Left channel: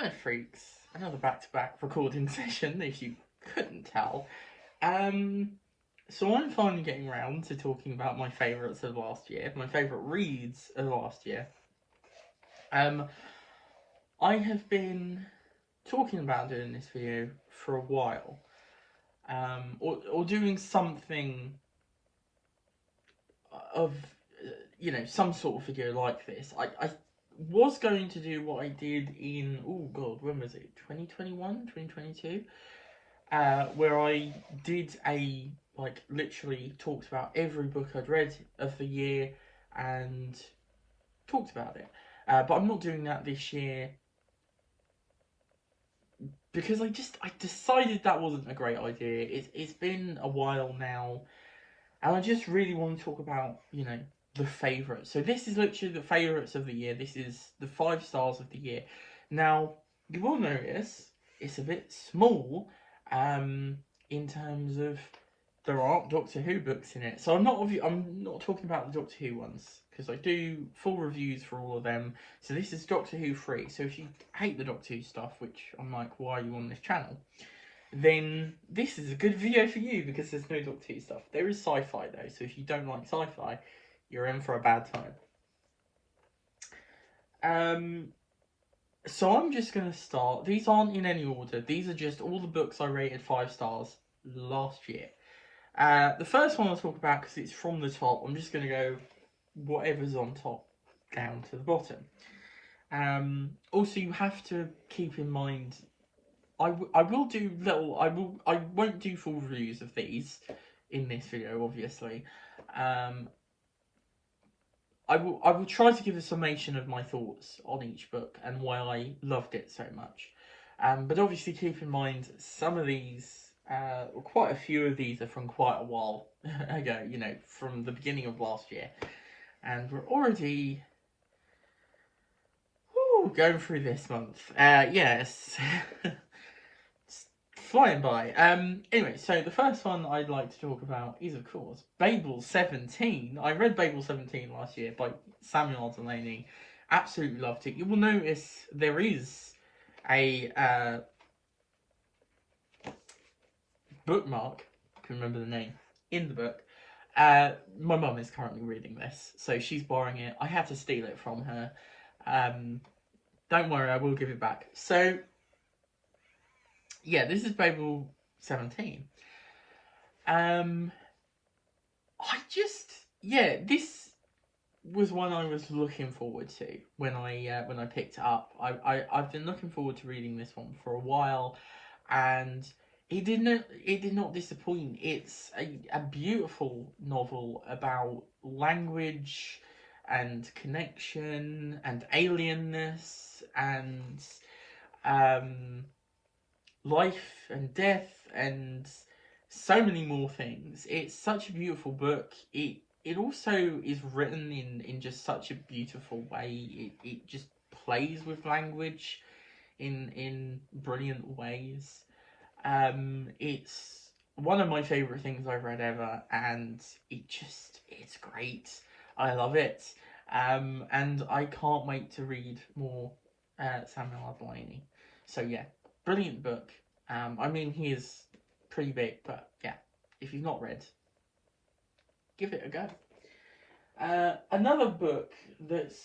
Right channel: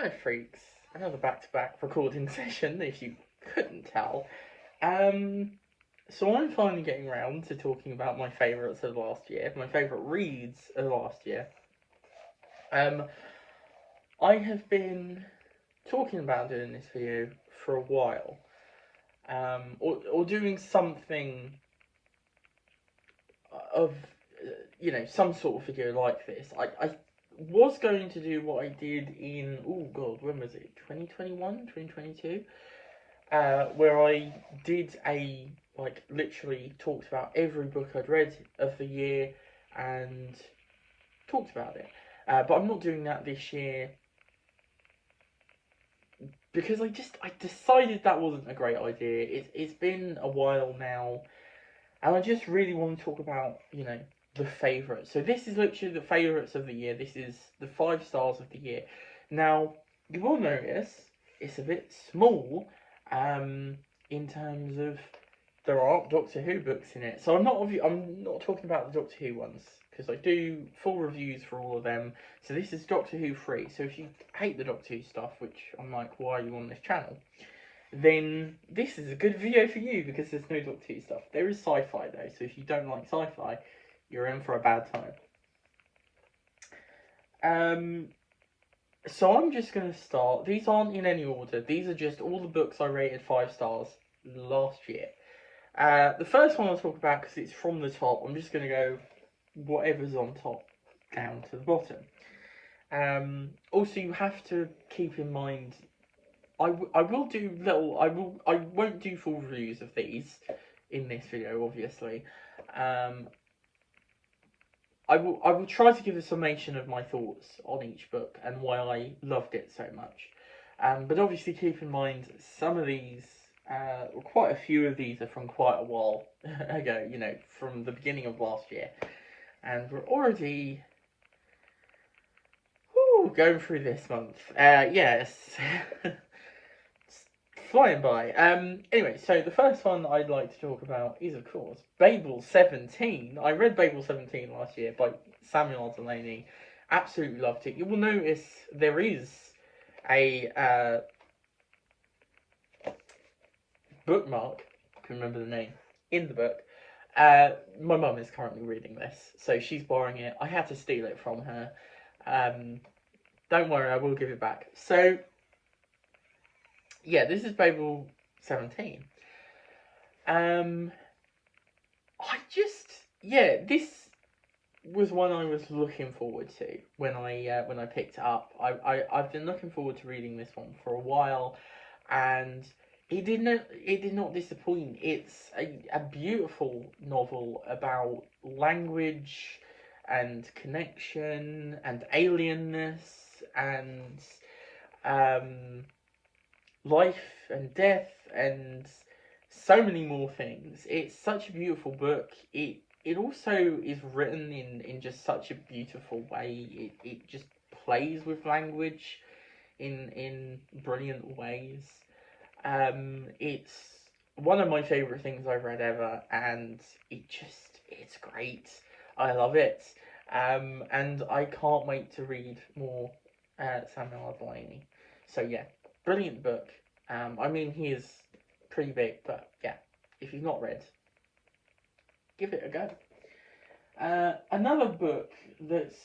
Hello freaks, another back-to-back recording session if you couldn't tell. Um, so I'm finally getting round to talking about my favourites of last year, my favourite reads of last year. Um, I have been talking about doing this video for a while, or doing something of, some sort of video like this. I was going to do what I did in, oh god, when was it? 2021, 2022? Where I did literally talked about every book I'd read of the year and talked about it. But I'm not doing that this year because I decided that wasn't a great idea. It's been a while now, and I just really want to talk about, the favourites. So this is literally the favourites of the year. This is the 5 stars of the year. Now, you will notice it's a bit small, in terms of there aren't Doctor Who books in it. So I'm not talking about the Doctor Who ones, because I do full reviews for all of them. So this is Doctor Who free. So if you hate the Doctor Who stuff, which I'm like, why are you on this channel? Then this is a good video for you because there's no Doctor Who stuff. There is sci-fi though, so if you don't like sci-fi, you're in for a bad time. So I'm just going to start. These aren't in any order. These are just all the books I rated 5 stars last year. The first one I'll talk about, because it's from the top, I'm just going to go whatever's on top down to the bottom. Also, you have to keep in mind, I won't do full reviews of these in this video, obviously. I will try to give a summation of my thoughts on each book and why I loved it so much. But obviously keep in mind some of these, quite a few of these are from quite a while ago, from the beginning of last year. And we're already going through this month. Yes. Flying by. Anyway, so the first one I'd like to talk about is, of course, Babel 17. I read Babel 17 last year by Samuel R. Delany. Absolutely loved it. You will notice there is a bookmark, I can remember the name, in the book. My mum is currently reading this, so she's borrowing it. I had to steal it from her. Don't worry, I will give it back. So, yeah, this is Babel 17. This was one I was looking forward to when I picked it up. I've been looking forward to reading this one for a while, and it did not disappoint. It's a beautiful novel about language and connection and alienness and life and death and so many more things. It's such a beautiful book. It also is written in just such a beautiful way. It just plays with language in brilliant ways. It's one of my favourite things I've read ever, and it's great. I love it. And I can't wait to read more Samuel R. Delany. So yeah, brilliant book. He is pretty big, but yeah, if you've not read, give it a go. Another book that's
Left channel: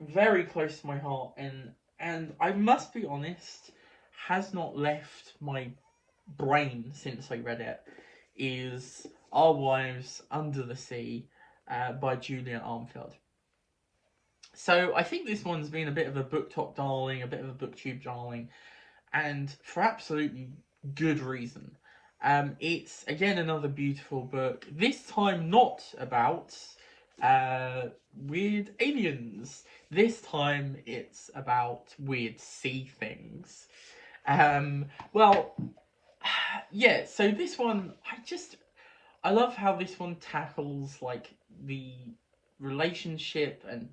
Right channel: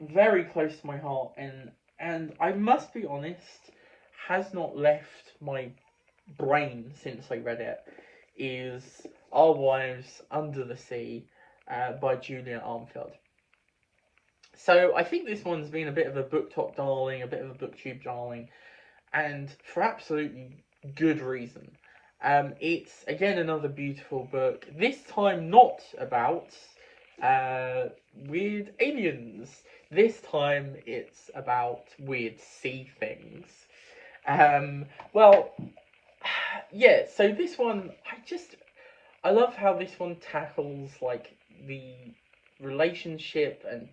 very close to my heart and I must be honest, has not left my brain since I read it, is Our Wives Under the Sea by Julia Armfield. So I think this one's been a bit of a BookTok darling, a bit of a BookTube darling, and for absolutely good reason. It's again another beautiful book. This time not about weird aliens. This time it's about weird sea things. Yeah. So this one, I love how this one tackles the relationship and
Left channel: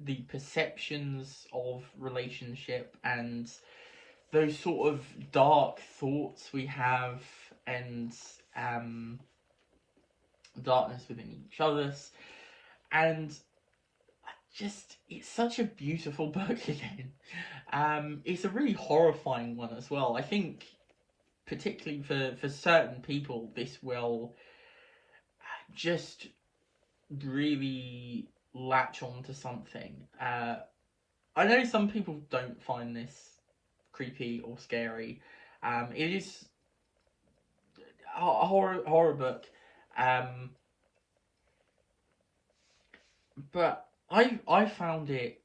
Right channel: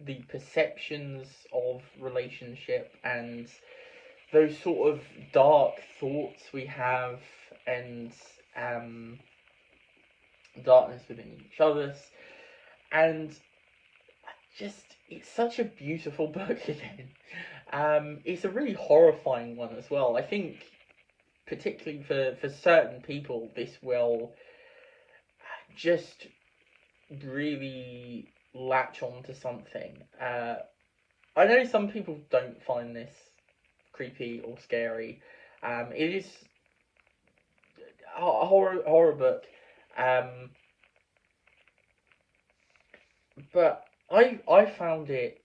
the perceptions of relationship and those sort of dark thoughts we have and darkness within each other's, and it's such a beautiful book again. It's a really horrifying one as well. I think, particularly for certain people, this will just really latch on to something. I know some people don't find this creepy or scary. It is a horror book, um, but I found it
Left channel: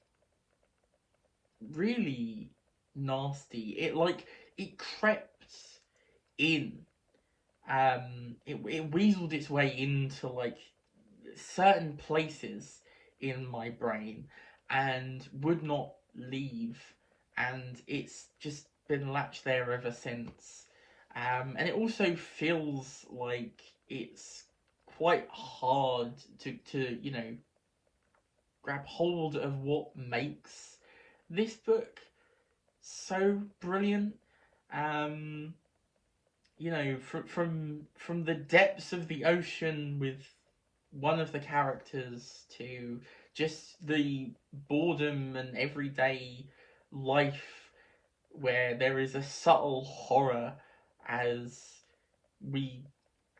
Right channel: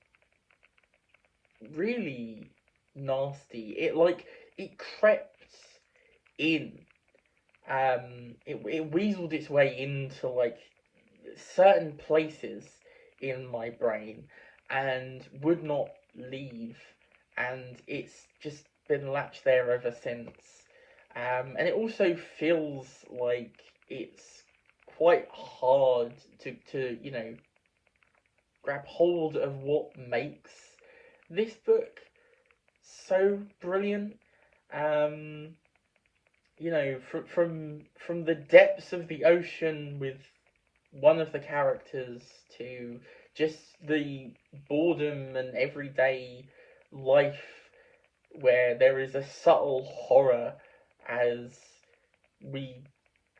really nasty. It crept in. It weaseled its way into like certain places in my brain and would not leave, and it's just been latched there ever since. And it also feels like it's quite hard to grab hold of what makes this book so brilliant. Um, from the depths of the ocean with one of the characters to just the boredom and everyday life where there is a subtle horror as we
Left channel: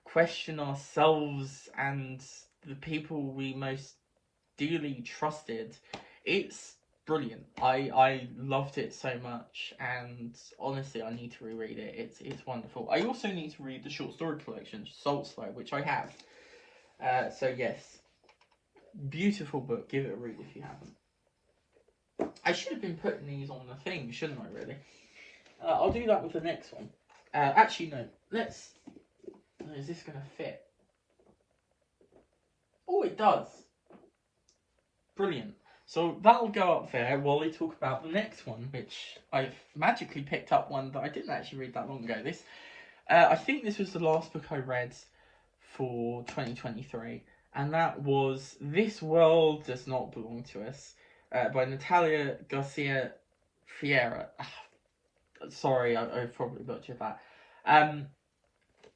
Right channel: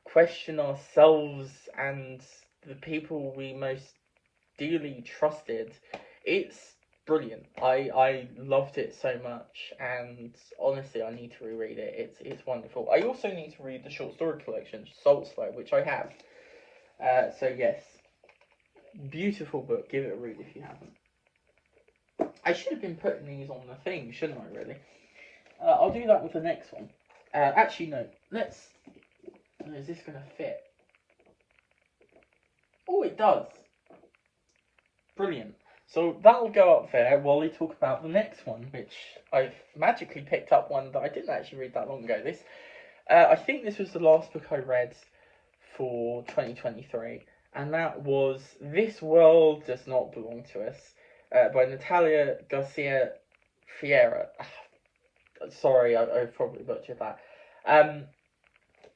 question ourselves and the people we most dearly trusted. It's brilliant. I loved it so much, and honestly, I need to reread it. It's wonderful. I also need to read the short story collection Salt Slow, which I have. So yes, beautiful book. Give it a read if you haven't. I should have been putting these on the thing, shouldn't I? Really. I'll do that with the next one. Actually, no. Let's. Is this gonna fit? Oh, it does. Brilliant. So that'll go up there while we talk about the next one, which I've magically picked up one that I didn't actually read that long ago. I think this was the last book I read for 2023, and that was This World Does Not Belong to Us by Natalia Garcia Fiera. Sorry, I probably butchered that.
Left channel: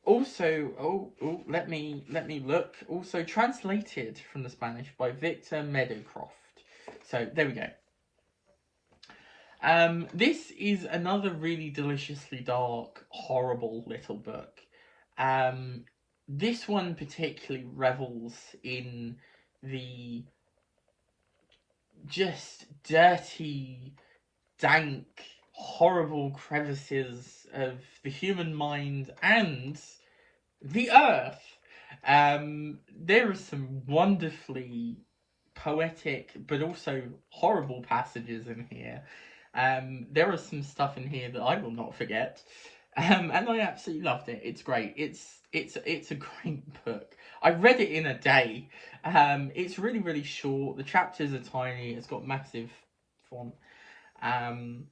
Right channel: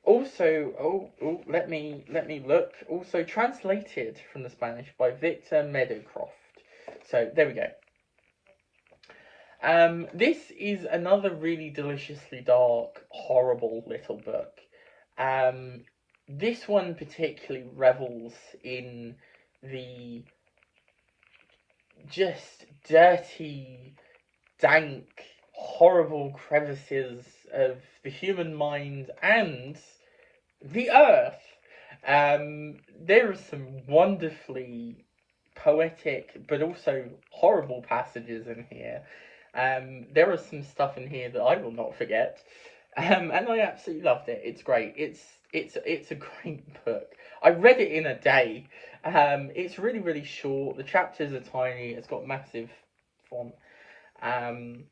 Let me look. Also translated from the Spanish by Victor Meadowcroft. So there we go. This is another really deliciously dark, horrible little book. This one particularly revels in the just dirty, dank, horrible crevices of the human mind and the earth. There are some wonderfully poetic but also horrible passages in here. There is some stuff in here that I will not forget. And I absolutely loved it. It's great. It's a great book. I read it in a day. It's really really short. The chapters are tiny. It's got massive font. Um,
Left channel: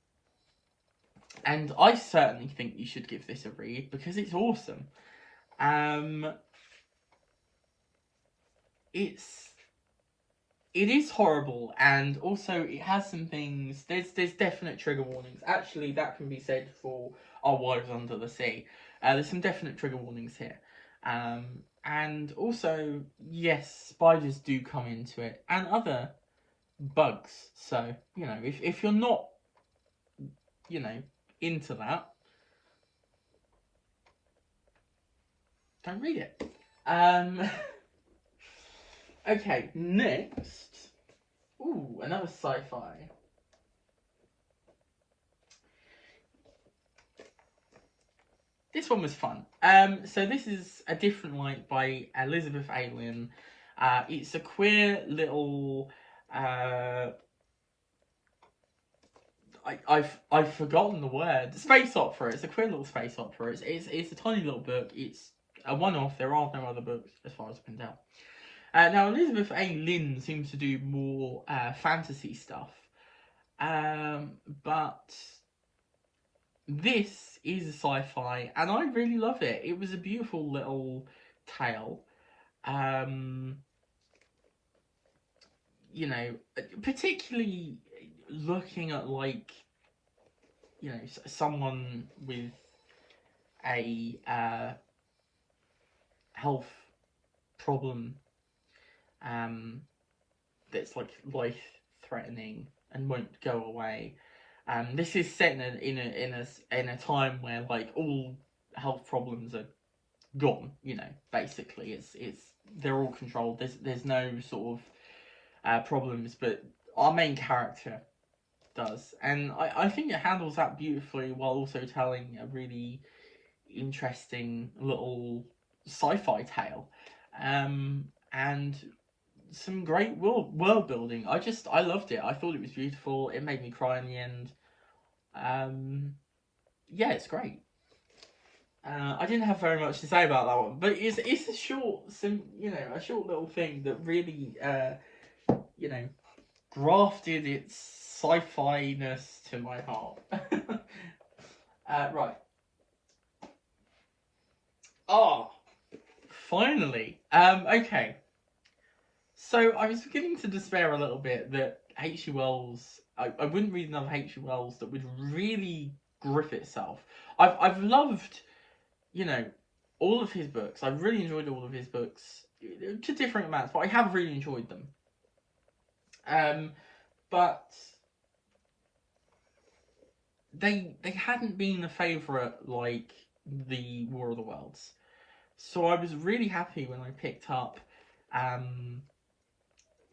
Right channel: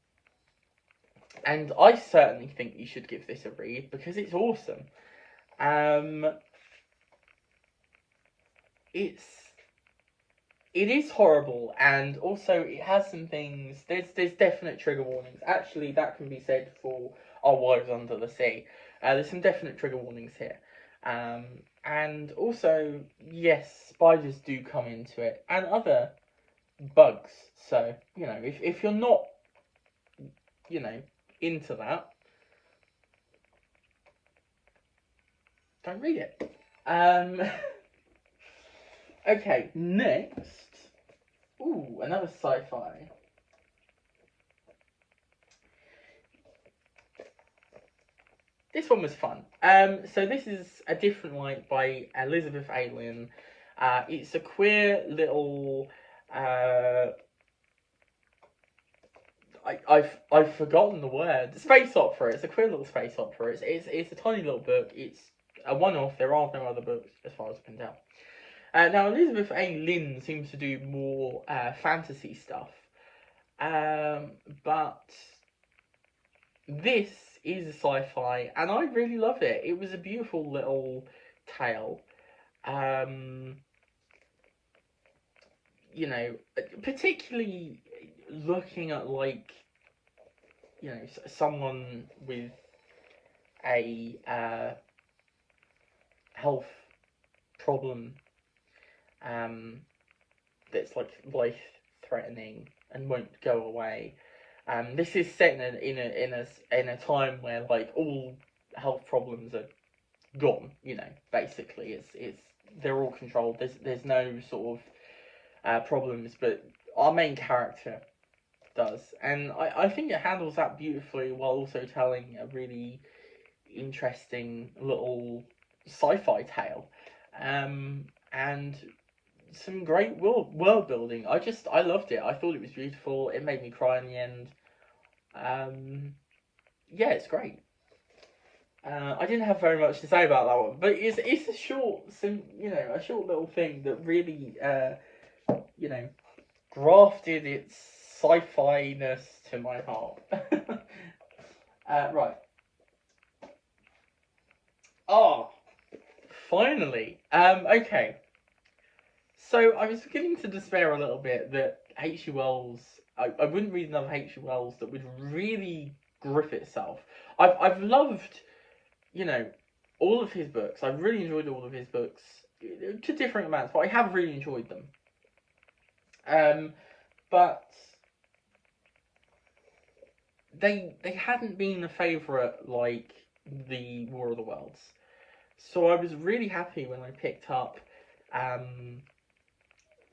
and I certainly think you should give this a read because it's awesome. Um, it is horrible, and also it has some things. There's definite trigger warnings. Actually, that can be said for Our Wives Under the Sea. There's some definite trigger warnings here, and also yes, spiders do come into it, and other bugs. So if you're not into that, don't read it. Okay, next. Ooh, another sci-fi. This one was fun. So this is A Different Light by Elizabeth A. Lynn. It's a queer little. I've forgotten the word. Space opera. It's a queer little space opera. It's a tiny little book. It's a one-off. There are no other books as far as I can tell. Now Elizabeth A. Lynn seems to do more fantasy stuff, but this is a sci-fi, and I really love it. It was a beautiful little tale. Particularly looking at someone with a health problem that's like life threatening and won't go away. This is set in a time where like all health problems are gone. You know, basically, it's they're all controlled. There's no sort of problems, but our main character does, and I think it handles that beautifully while also telling a really interesting little sci-fi tale, and some great world building. I loved it. I thought it was beautiful. It made me cry in the end. Um, yeah, it's great. I didn't have very much to say about that one, but it's a a short little thing that really you know grafted its sci-fi ness to my heart. Right. Oh, finally. Okay. So I was beginning to despair a little bit that H.G. Wells. I wouldn't read another H.G. Wells that would really grip itself. I've loved, you know, all of his books. I've really enjoyed all of his books to different amounts, but I have really enjoyed them. But they hadn't been a favourite like the War of the Worlds. So I was really happy when I picked up um,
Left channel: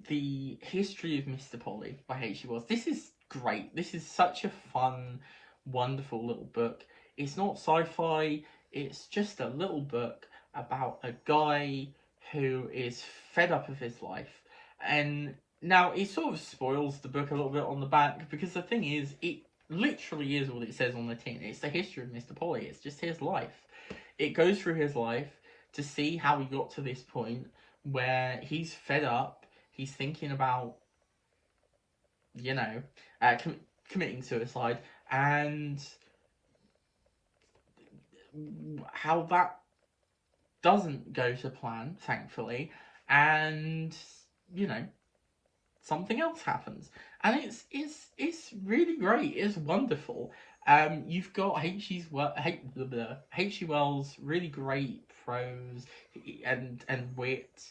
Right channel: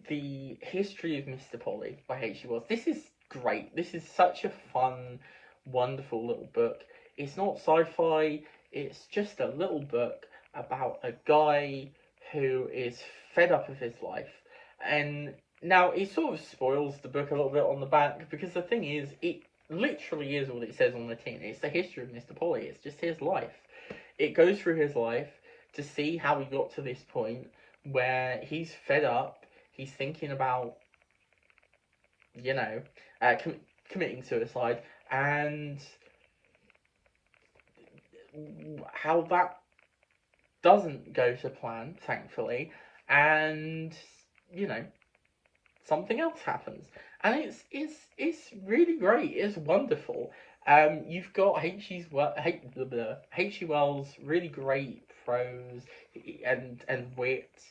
the History of Mr. Polly by H.G. Wells. This is great. This is such a fun, wonderful little book. It's not sci-fi. It's just a little book about a guy who is fed up of his life. And now it sort of spoils the book a little bit on the back because the thing is, it literally is what it says on the tin. It's the history of Mr. Polly. It's just his life. It goes through his life to see how he got to this point where he's fed up. He's thinking about, you know, committing suicide, and how that doesn't go to plan, thankfully, and you know, something else happens, and it's really great. It's wonderful. You've got H.G. Wells, really great prose and wit.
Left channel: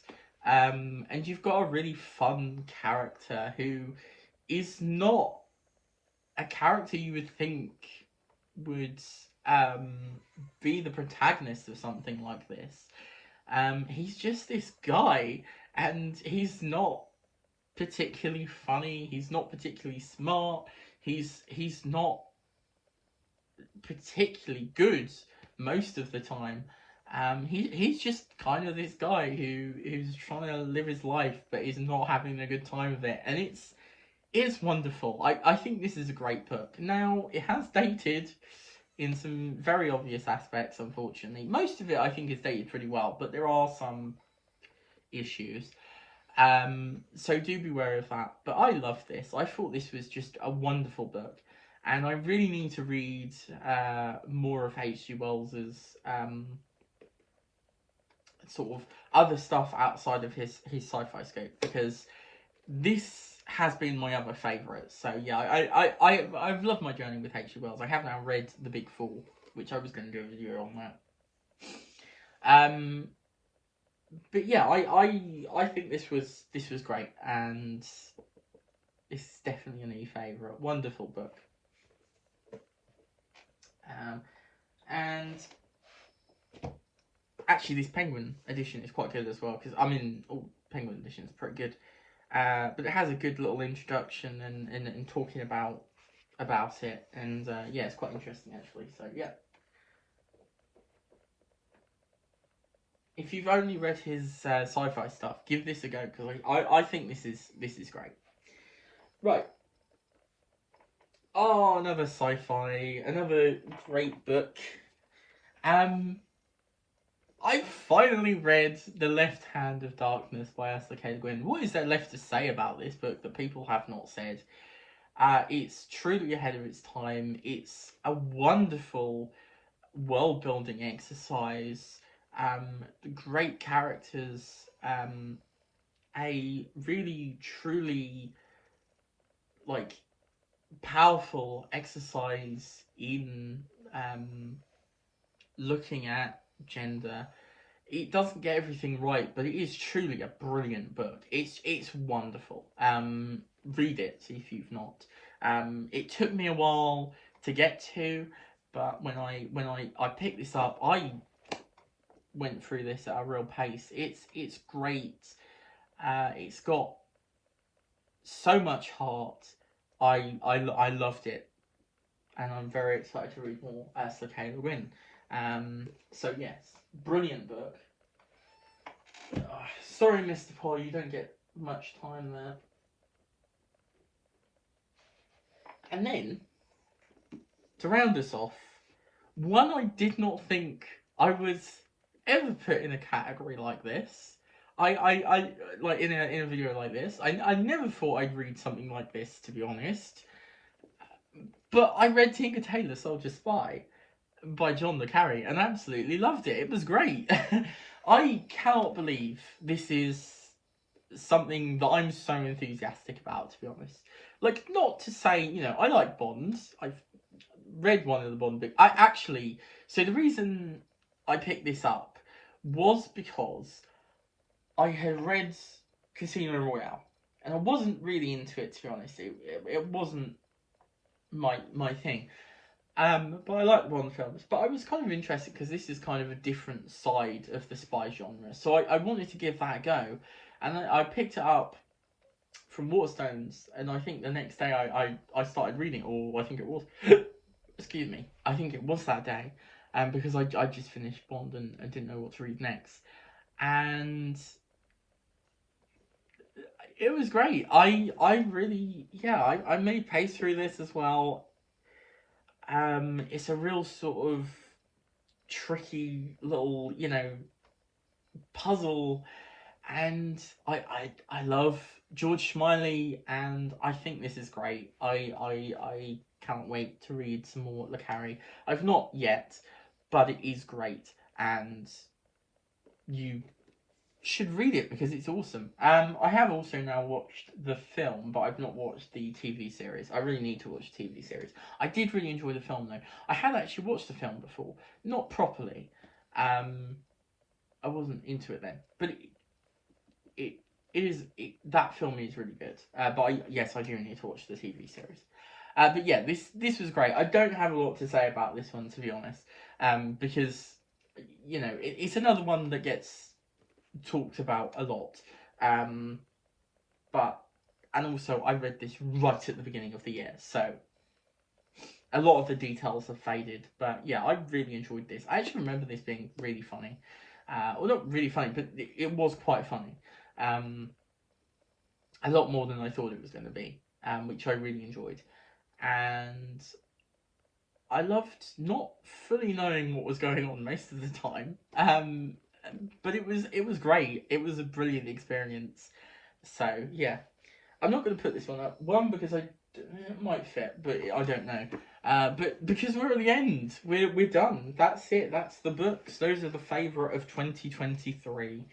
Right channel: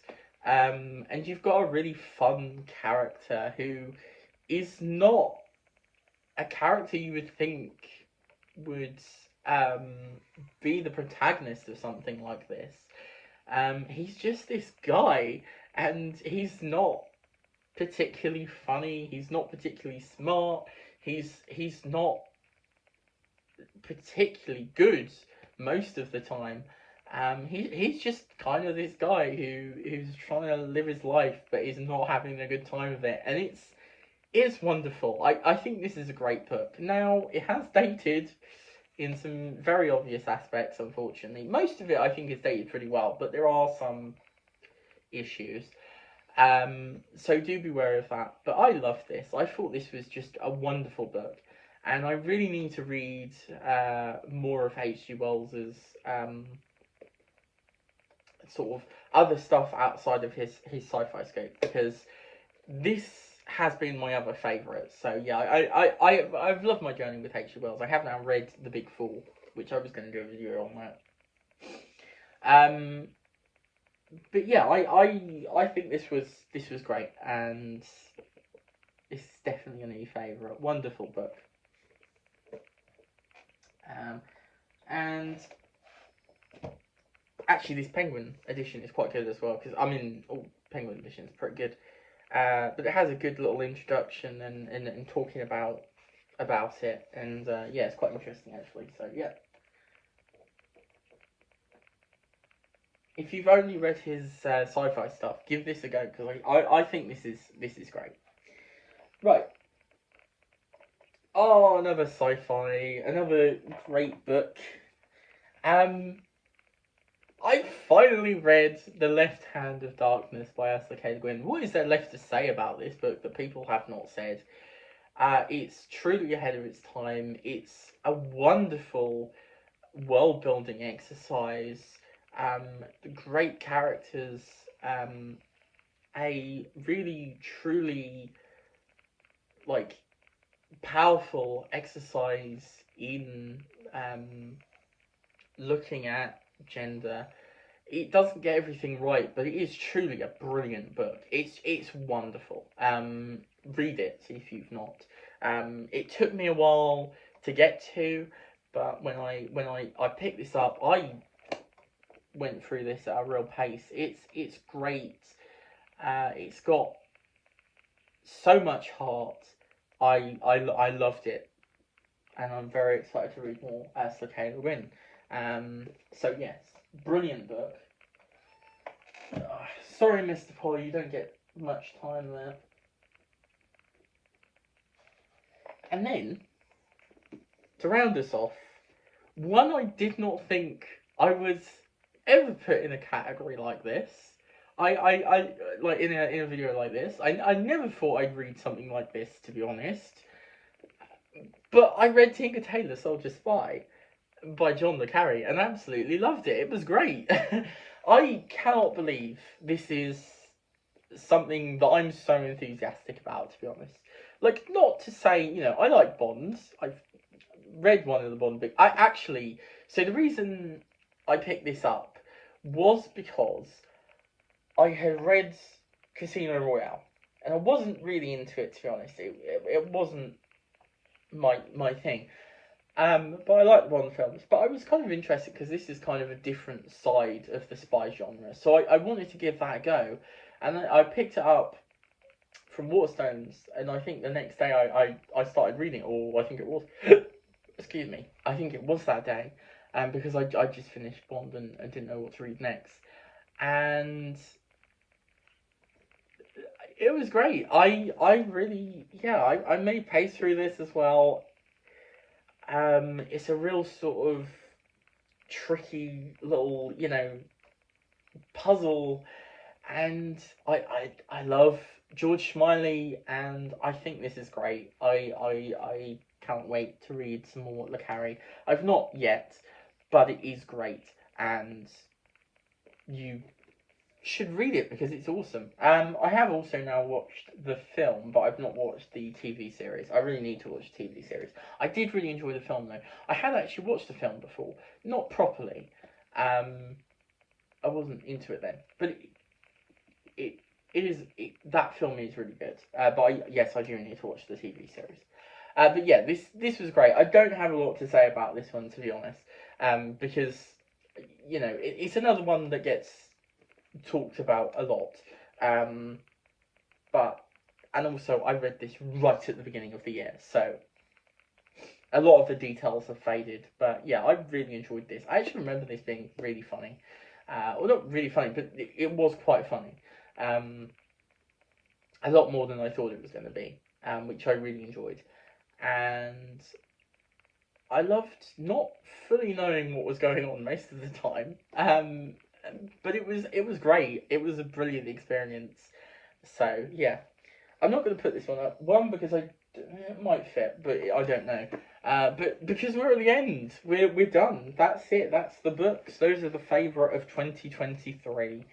And you've got a really fun character who is not a character you would think would um, be the protagonist of something like this. He's just this guy, and he's not particularly funny. He's not particularly smart. He's not particularly good most of the time. He's just kind of this guy who's trying to live his life, but is not having a good time of it, and it's wonderful. I think this is a great book. Now it has dated in some very obvious aspects, unfortunately. Most of it I think is dated pretty well, but there are some issues. So do be wary of that. But I love this. I thought this was just a wonderful book, and I really need to read more of H.G. Wells's sort of other stuff outside of his sci-fi scope, because this has been my other favourite. So yeah, I've loved my journey with H.G. Wells. I have now read The Big Fool, which I was going to do a video on that. But yeah, I think this was great, and it's definitely a new favourite. Wonderful book. And actually, this Penguin edition is quite good as well, because I mean, all Penguin editions are pretty good. But it has a good little introduction and talking about it, and yeah, it's quite interesting actually. So yeah, if you've only read his sci-fi stuff, give this a go, because I think this is great. Right. Oh, another sci-fi, another great book. I finally read The Left Hand of Darkness by Ursula K. Le Guin. What is there left to say about this book that people have not said? It's truly ahead of its time. It's a wonderful world building exercise. Great characters. A really truly like powerful exercise in looking at gender. It doesn't get everything right, but it is truly a brilliant book. It's wonderful. Read it if you've not. It took me a while to get to, but when I picked this up, I went through this at a real pace. It's great. It's got so much heart. I loved it, and I'm very excited to read more as Kayla Win. So yes, brilliant book. Sorry, Mr. Paul, you don't get much time there. And then, to round us off, one I did not think I was ever put in a category like this. I like in a video like this. I never thought I'd read something like this, to be honest. But I read Tinker Tailor Soldier Spy by John le Carre and absolutely loved it. It was great. I cannot believe this is something that I'm so enthusiastic about, to be honest. Like, not to say, you know, I like Bonds. I've read one of the Bond books. So the reason I picked this up was because I had read Casino Royale, and I wasn't really into it, to be honest. It wasn't my thing. But I like the Bond films. But I was kind of interested because this is kind of a different side of the spy genre. So I wanted to give that a go. And I picked it up from Waterstones, and I think the next day I started reading it, or I think it was, excuse me, I think it was that day, because I just finished Bond and I didn't know what to read next. And it was great. I really, yeah, I made pace through this as well. It's a real sort of tricky little, you know, puzzle, and I love George Smiley, and I think this is great. I can't wait to read some more le Carre. I've not yet, but it is great, and you should read it because it's awesome. I have also now watched the film, but I've not watched the TV series. I really need to watch the TV series. I did really enjoy the film though. I had actually watched the film before, not properly. I wasn't into it then, but that film is really good. But yes, I do need to watch the TV series. But yeah, this was great. I don't have a lot to say about this one, to be honest, because you know it's another one that gets talked about a lot. But and also I read this right at the beginning of the year, so a lot of the details have faded. But yeah, I really enjoyed this. I actually remember this being really funny. Well, not really funny, but it was quite funny. A lot more than I thought it was going to be, which I really enjoyed. And I loved not fully knowing what was going on most of the time. But it was great. It was a brilliant experience. So yeah, I'm not going to put this one up. One, because it might fit, but I don't know. But because we're at the end, we're done. That's it. That's the books. Those are the favourite of 2023.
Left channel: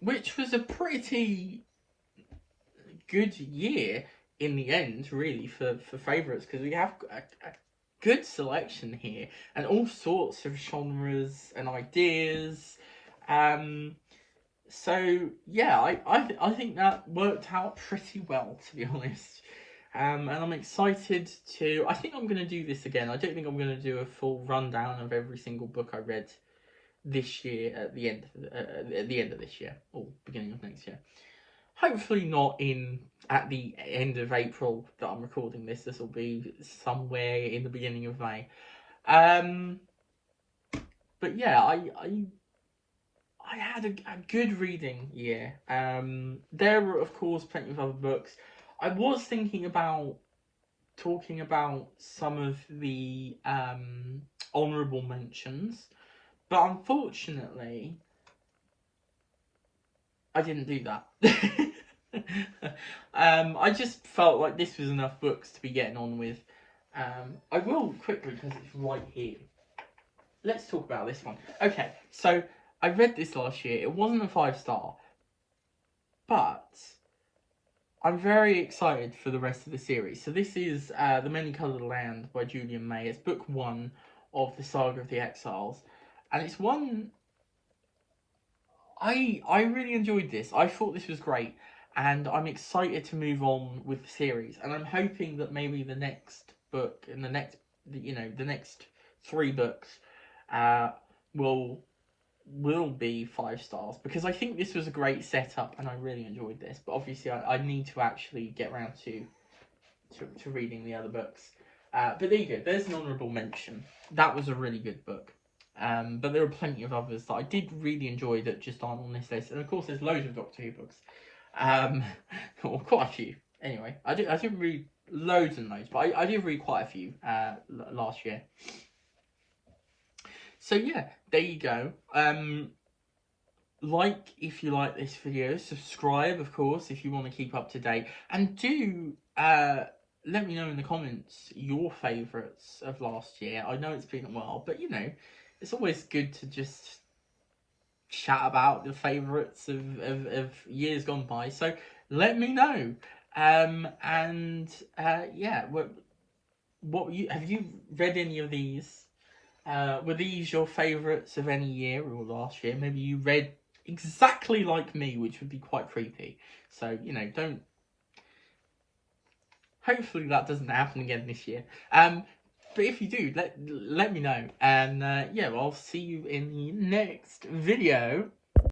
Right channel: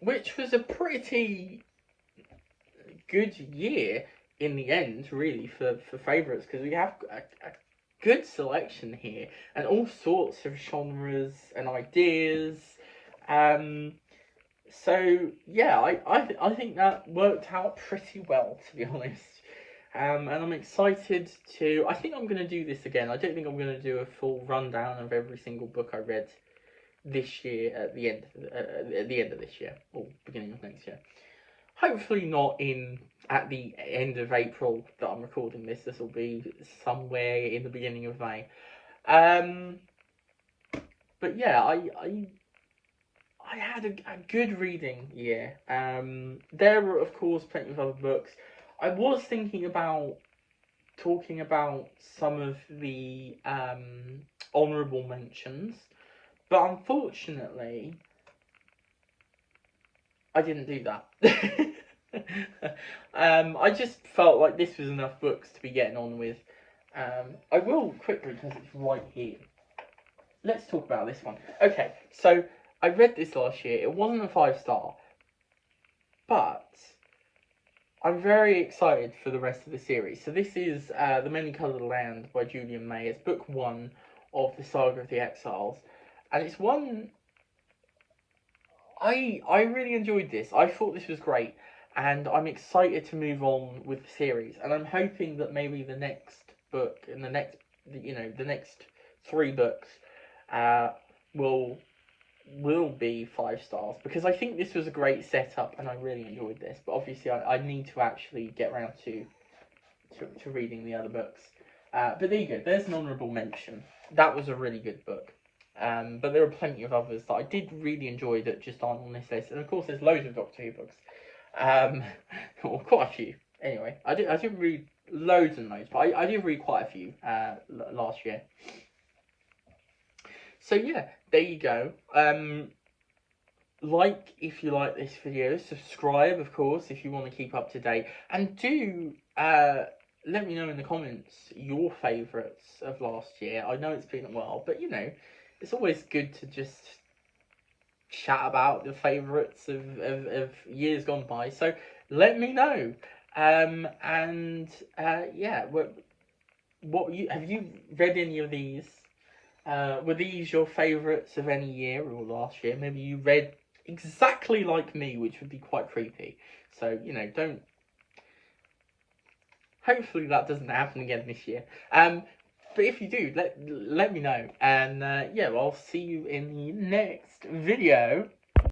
Which was a pretty good year in the end, really, for favourites, because we have a good selection here and all sorts of genres and ideas. So yeah, I think that worked out pretty well, to be honest. And I'm excited to. I think I'm going to do this again. I don't think I'm going to do a full rundown of every single book I read this year at the end of this year or beginning of next year. Hopefully not at the end of April that I'm recording this. This will be somewhere in the beginning of May. But yeah, I had a good reading year. There were of course plenty of other books. I was thinking about talking about some of the honourable mentions, but unfortunately I didn't do that. I just felt like this was enough books to be getting on with. I will quickly, because it's right here. Let's talk about this one. Okay, so I read this last year. It wasn't a 5-star, but I'm very excited for the rest of the series. So this is The Many-Coloured Land by Julian May. It's book 1 of the Saga of the Exiles, and it's one I really enjoyed this. I thought this was great, and I'm excited to move on with the series. And I'm hoping that maybe the next book and the next three books uh, will be 5 stars, because I think this was a great setup and I really enjoyed this. But obviously, I need to actually get around to reading the other books. But there you go. There's an honourable mention. That was a really good book. But there are plenty of others that I did really enjoy that just aren't on this list. And of course, there's loads of Doctor Who books. Or quite a few. Anyway, I didn't read loads and loads, but I did read quite a few last year. So yeah, there you go. Like if you like this video, subscribe of course if you want to keep up to date, and do let me know in the comments your favourites of last year. I know it's been a while, but you know, it's always good to just chat about the favourites of years gone by. So let me know. Yeah, what you have you read any of these? Were these your favourites of any year or last year? Maybe you read exactly like me, which would be quite creepy. So, you know, don't... Hopefully that doesn't happen again this year. But if you do, let me know. And, yeah, well, I'll see you in the next video.